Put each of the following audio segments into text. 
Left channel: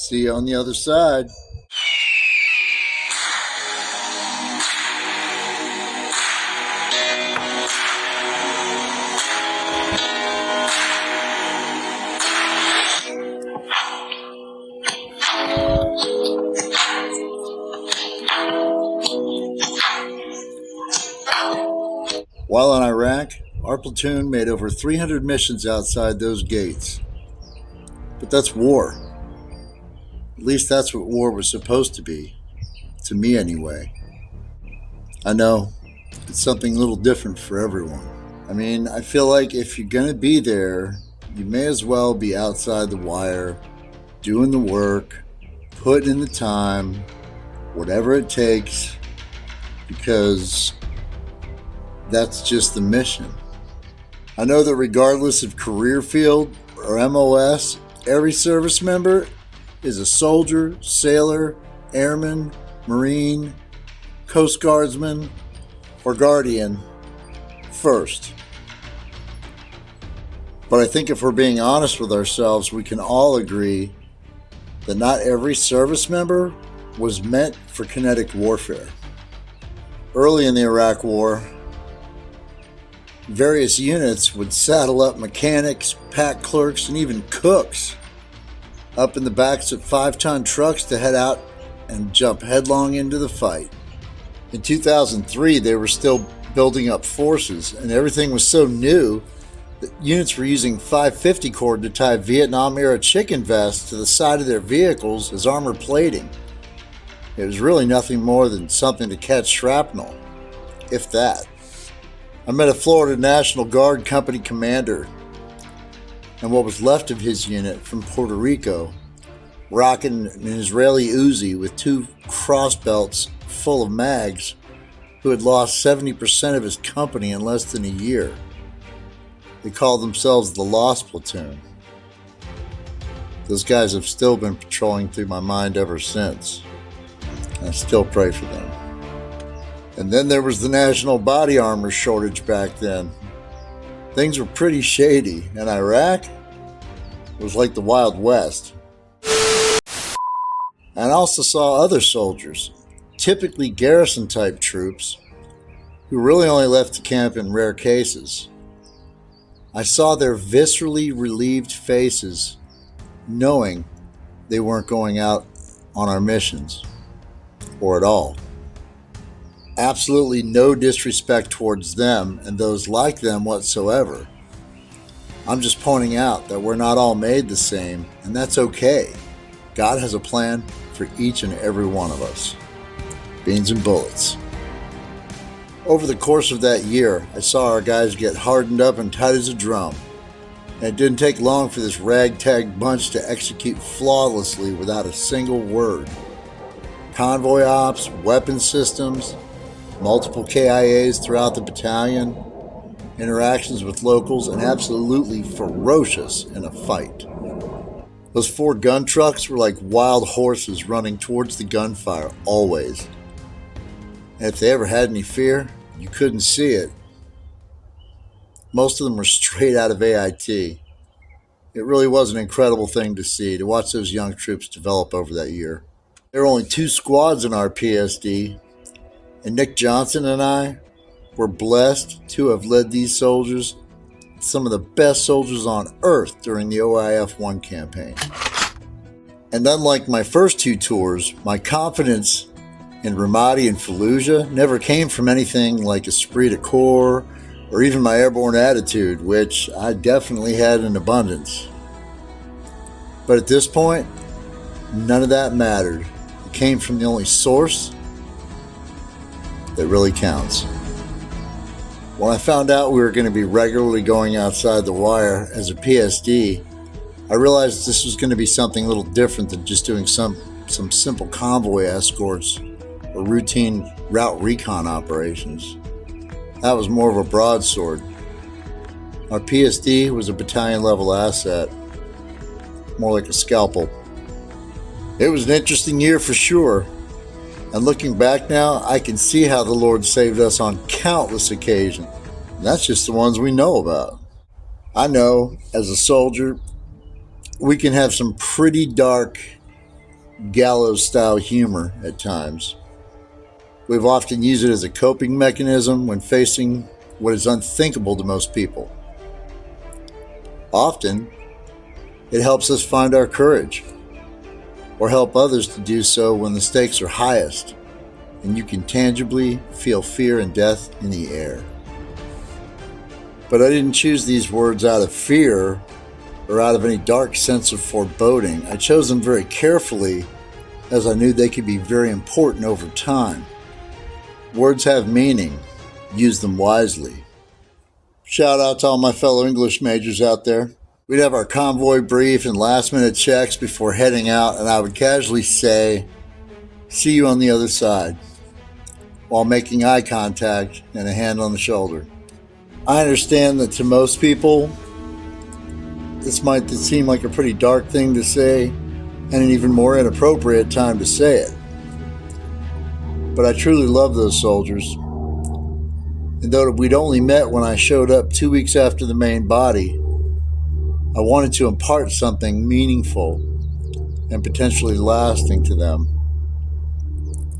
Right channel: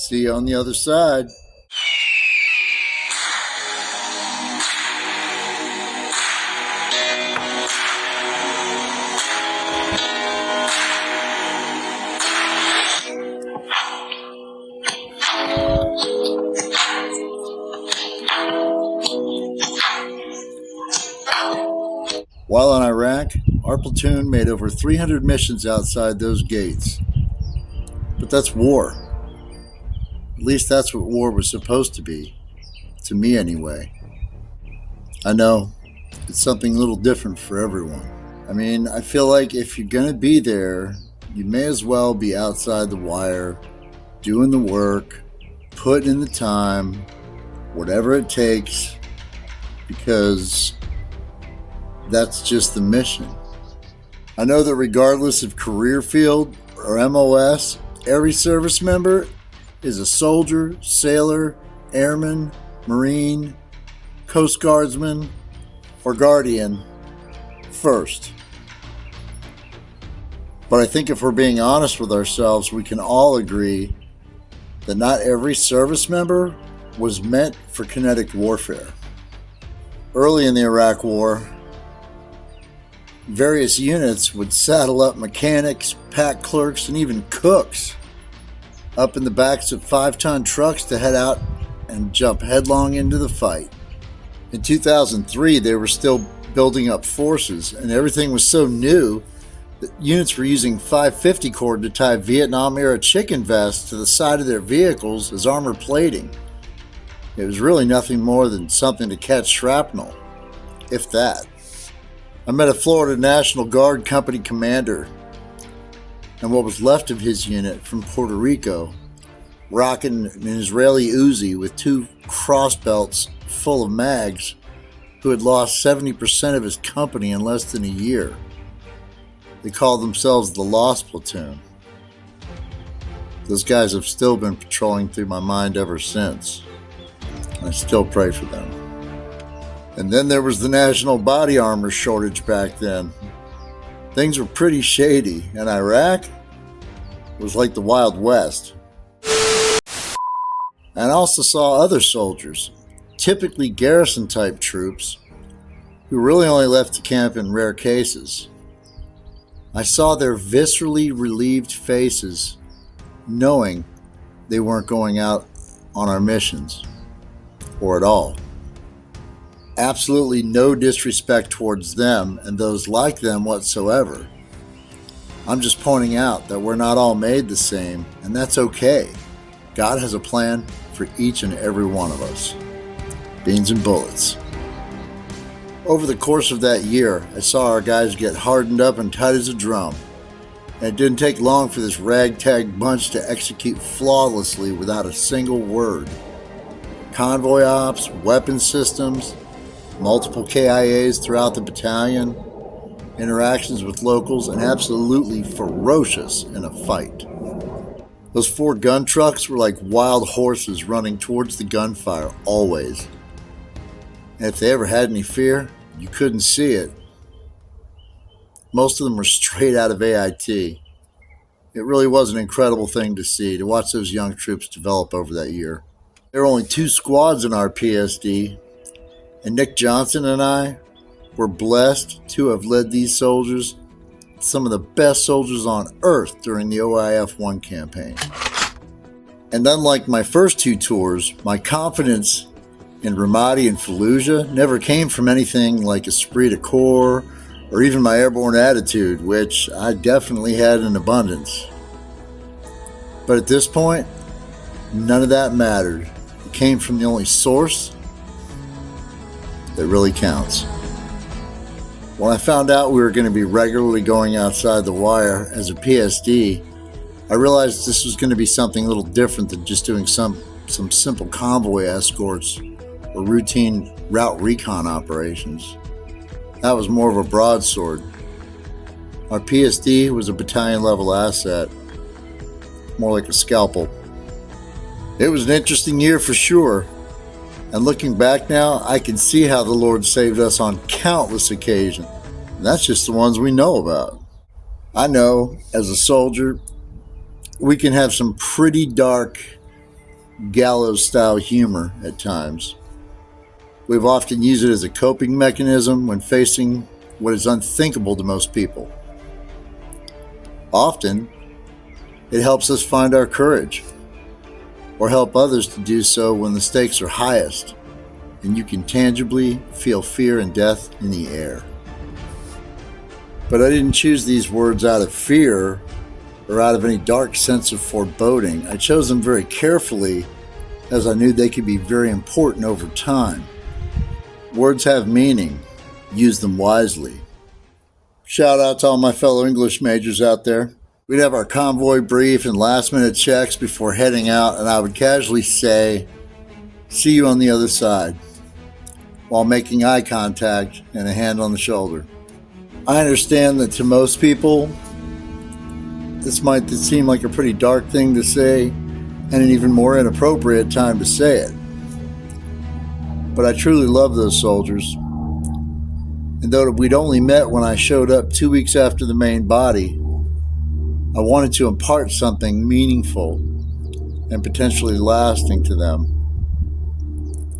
See you on the other side. While in Iraq, our platoon made over 300 missions outside those gates. But that's war. At least that's what war was supposed to be. To me, anyway. I know, it's something a little different for everyone. I mean, I feel like if you're gonna be there, you may as well be outside the wire, doing the work, putting in the time, whatever it takes, because that's just the mission. I know that regardless of career field or MOS, every service member is a soldier, sailor, airman, Marine, Coast Guardsman, or Guardian first. But I think if we're being honest with ourselves, we can all agree that not every service member was meant for kinetic warfare. Early in the Iraq War, various units would saddle up mechanics, pack clerks, and even cooks up in the backs of 5-ton trucks to head out and jump headlong into the fight. In 2003, they were still building up forces, and everything was so new that units were using 550 cord to tie Vietnam-era chicken vests to the side of their vehicles as armor plating. It was really nothing more than something to catch shrapnel, if that. I met a Florida National Guard company commander and what was left of his unit from Puerto Rico, rocking an Israeli Uzi with 2 crossbelts full of mags, who had lost 70% of his company in less than a year. They called themselves the Lost Platoon. Those guys have still been patrolling through my mind ever since. I still pray for them. And then there was the national body armor shortage back then. Things were pretty shady, and Iraq was like the Wild West. And I also saw other soldiers, typically garrison-type troops, who really only left to camp in rare cases. I saw their viscerally relieved faces, knowing they weren't going out on our missions, or at all. Absolutely no disrespect towards them and those like them whatsoever. I'm just pointing out that we're not all made the same, and that's okay. God has a plan for each and every one of us. Beans and bullets. Over the course of that year, I saw our guys get hardened up and tight as a drum. And it didn't take long for this ragtag bunch to execute flawlessly without a single word. Convoy ops, weapon systems, multiple KIAs throughout the battalion, interactions with locals, and absolutely ferocious in a fight. Those 4 gun trucks were like wild horses running towards the gunfire, always. And if they ever had any fear, you couldn't see it. Most of them were straight out of AIT. It really was an incredible thing to see, to watch those young troops develop over that year. There were only 2 squads in our PSD, and Nick Johnson and I were blessed to have led these soldiers, some of the best soldiers on earth during the OIF-1 campaign. And unlike my first 2 tours, my confidence in Ramadi and Fallujah never came from anything like esprit de corps or even my airborne attitude, which I definitely had in abundance. But at this point, none of that mattered. It came from the only source that really counts. When I found out we were going to be regularly going outside the wire as a PSD, I realized this was going to be something a little different than just doing some simple convoy escorts or routine route recon operations. That was more of a broadsword. Our PSD was a battalion level asset, more like a scalpel. It was an interesting year for sure, and looking back now, I can see how the Lord saved us on countless occasions. And that's just the ones we know about. I know, as a soldier, we can have some pretty dark gallows-style humor at times. We've often used it as a coping mechanism when facing what is unthinkable to most people. Often, it helps us find our courage, or help others to do so when the stakes are highest, and you can tangibly feel fear and death in the air. But I didn't choose these words out of fear or out of any dark sense of foreboding. I chose them very carefully, as I knew they could be very important over time. Words have meaning. Use them wisely. Shout out to all my fellow English majors out there. We'd have our convoy brief and last-minute checks before heading out, and I would casually say, "See you on the other side," while making eye contact and a hand on the shoulder. I understand that to most people, this might seem like a pretty dark thing to say, and an even more inappropriate time to say it. But I truly love those soldiers. And though we'd only met when I showed up 2 weeks after the main body, I wanted to impart something meaningful and potentially lasting to them.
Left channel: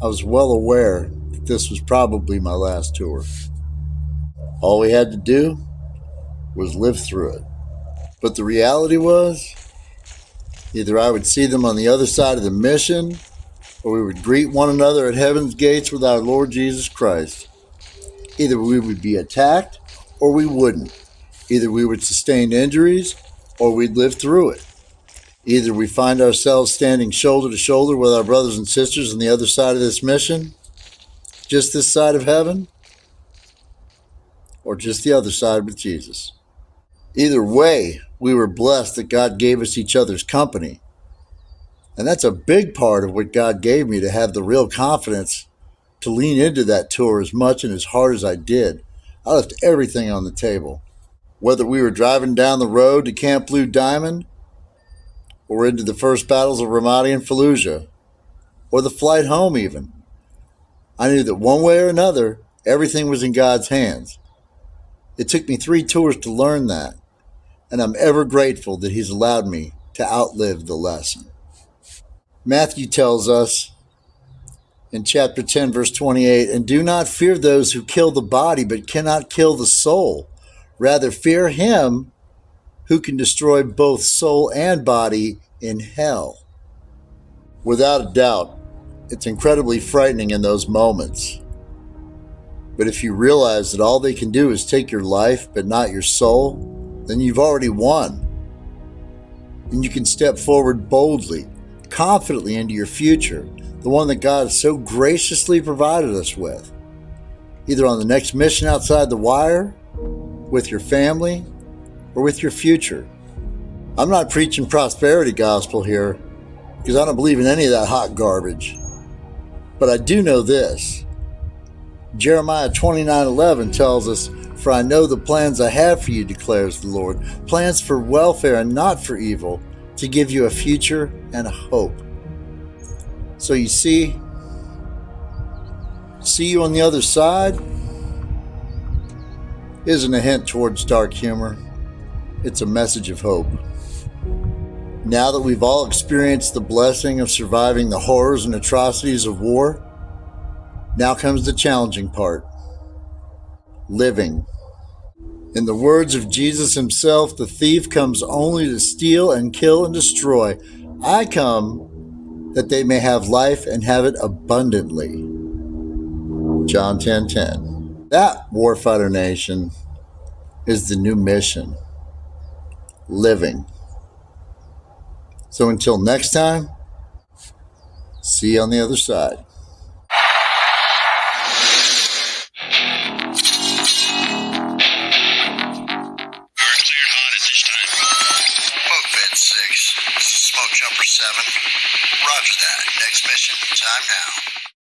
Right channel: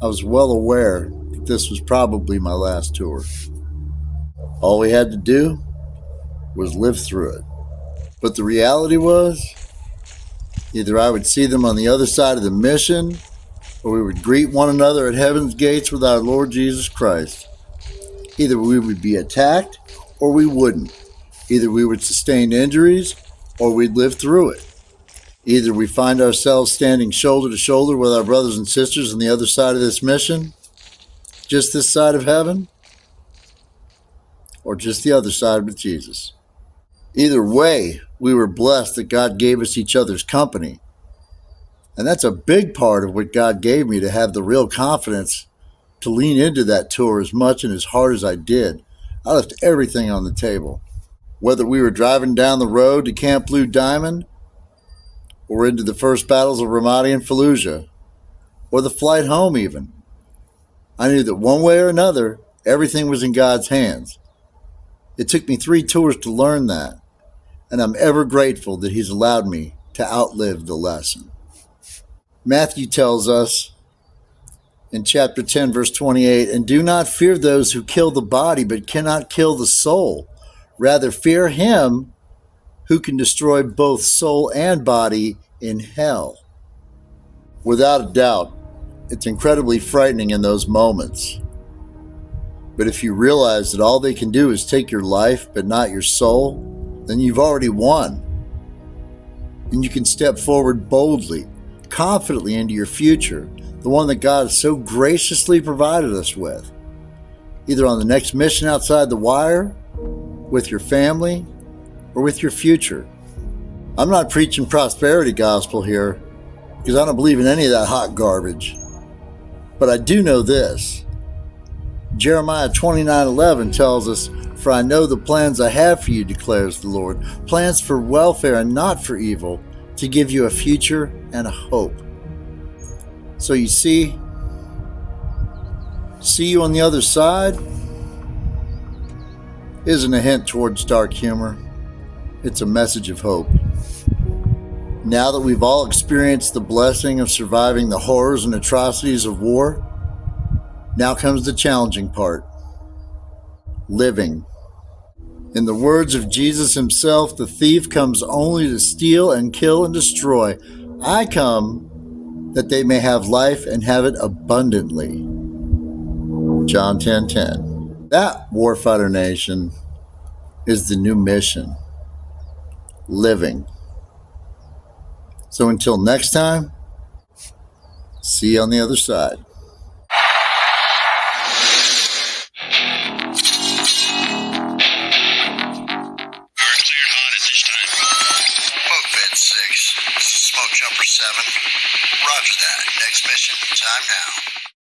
I was well aware that this was probably my last tour. All we had to do was live through it. But the reality was, either I would see them on the other side of the mission, or we would greet one another at heaven's gates with our Lord Jesus Christ. Either we would be attacked, or we wouldn't. Either we would sustain injuries, or we'd live through it. Either we find ourselves standing shoulder to shoulder with our brothers and sisters on the other side of this mission, just this side of heaven, or just the other side with Jesus. Either way, we were blessed that God gave us each other's company. And that's a big part of what God gave me, to have the real confidence to lean into that tour as much and as hard as I did. I left everything on the table. Whether we were driving down the road to Camp Blue Diamond, or into the first battles of Ramadi and Fallujah, or the flight home even, I knew that one way or another, everything was in God's hands. It took me 3 tours to learn that, and I'm ever grateful that He's allowed me to outlive the lesson. Matthew tells us in chapter 10, verse 28, "And do not fear those who kill the body, but cannot kill the soul. Rather fear Him who can destroy both soul and body in hell." Without a doubt, it's incredibly frightening in those moments. But if you realize that all they can do is take your life, but not your soul, then you've already won. And you can step forward boldly, confidently into your future, the one that God has so graciously provided us with, either on the next mission outside the wire, with your family, or with your future. I'm not preaching prosperity gospel here, because I don't believe in any of that hot garbage. But I do know this. Jeremiah 29:11 tells us, "For I know the plans I have for you, declares the Lord, plans for welfare and not for evil, to give you a future and a hope." So you see you on the other side isn't a hint towards dark humor. It's a message of hope. Now that we've all experienced the blessing of surviving the horrors and atrocities of war, now comes the challenging part: living. In the words of Jesus Himself, "The thief comes only to steal and kill and destroy. I come that they may have life and have it abundantly." John 10:10. That, Warfighter Nation, is the new mission: living. So until next time, see you on the other side. Smoke Jumper 7. Roger that. Next mission, time now.